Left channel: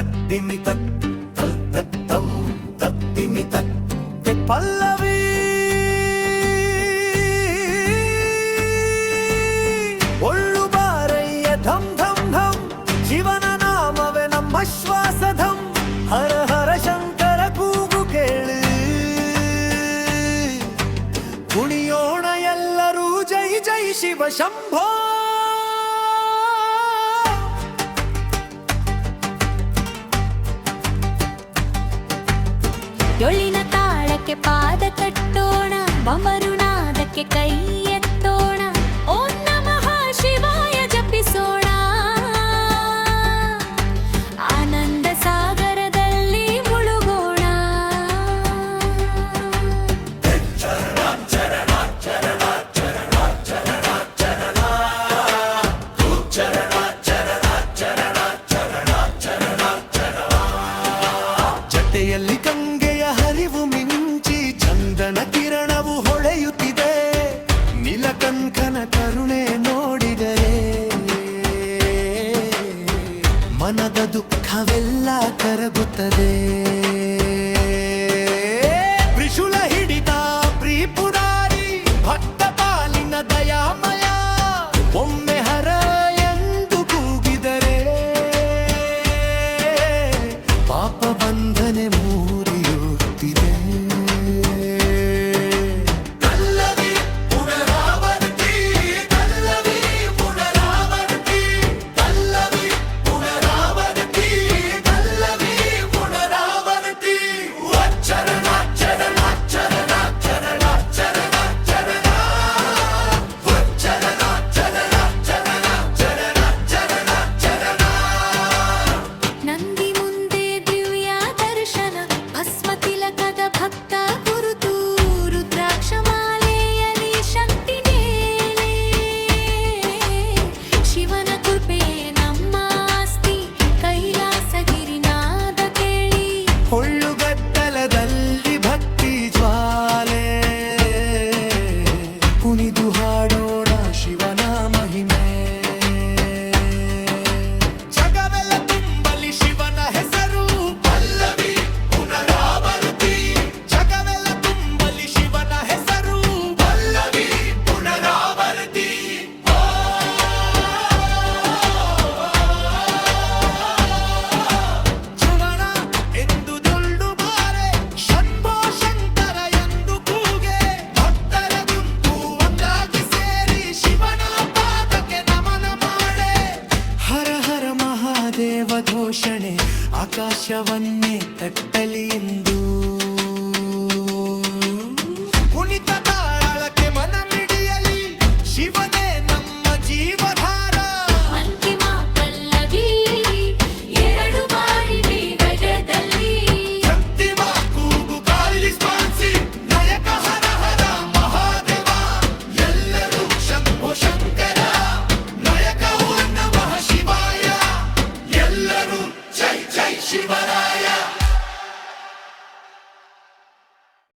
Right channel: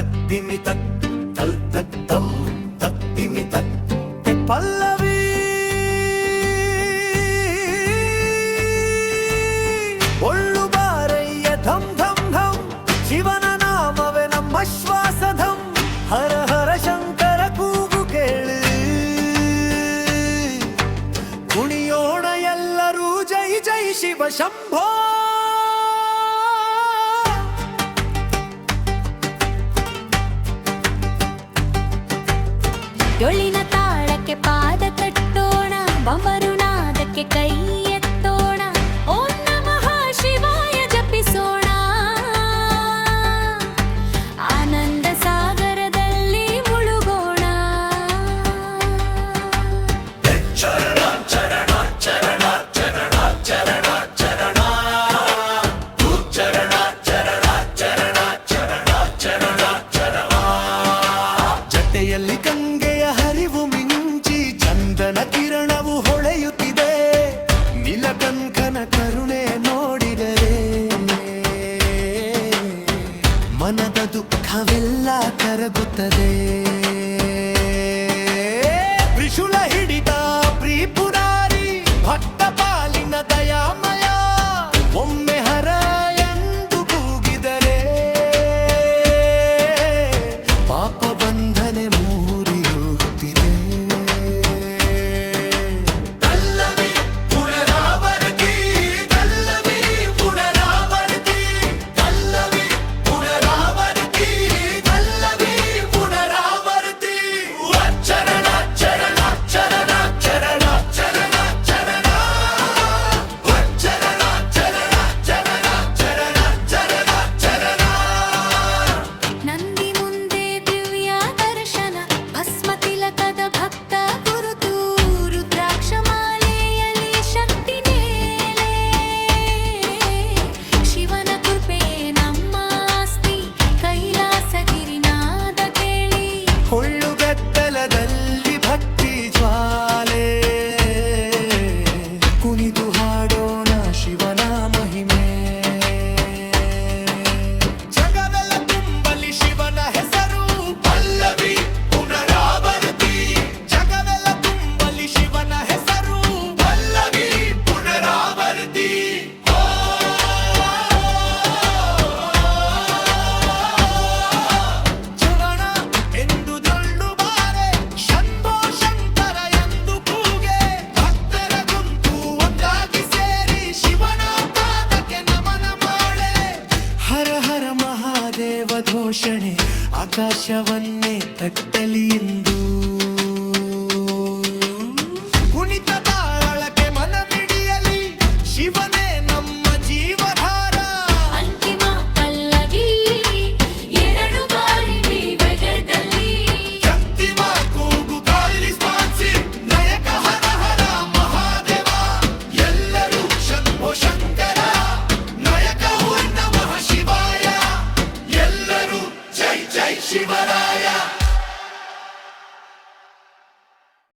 தத்திமி தத் தல் தத்தம் தத்திமி தத் பல்லவி ಒಳ್ಳು ಧಂ ಧಂ ಧಂ. ಶಿವನ ನಾಮವೇ ನಮ್ಮ ಹರ ಹರ ಶಂಕರ ಕೂಗು ಕೇಳು. ಎಲ್ಲರೂ, ಜೈ ಜೈ ಶಂಭೋ. ಡೊಳ್ಳಿನ ತಾಳಕ್ಕೆ ಪಾದ ಕಟ್ಟೋಣ ಬಮರುನಾದಕ್ಕೆ ಕೈ ಚಿರತೆಯಲ್ಲಿ ಗಂಗೆಯ ಹರಿವು ಮಿಂಚಿ ಚಂದನ ಕಿರಣವು ಹೊಳೆಯುತ್ತಿದೆ. ನೀಲಕಂಕನ ಕರುಣೆ ನೋಡಿದರೆ ಮನದ ದುಃಖವೆಲ್ಲ ಕರಗುತ್ತದೆ. ತ್ರಿಶುಲ ಹಿಡಿ ಪಾಪ ಬಂಧನೆ ಮೂರಿಯುತ್ತಿದೆ. ಘೋಷಣೆ ಆಕಾಶವನ್ನೇ ತಟ್ಟಲಿ ಎಂದು.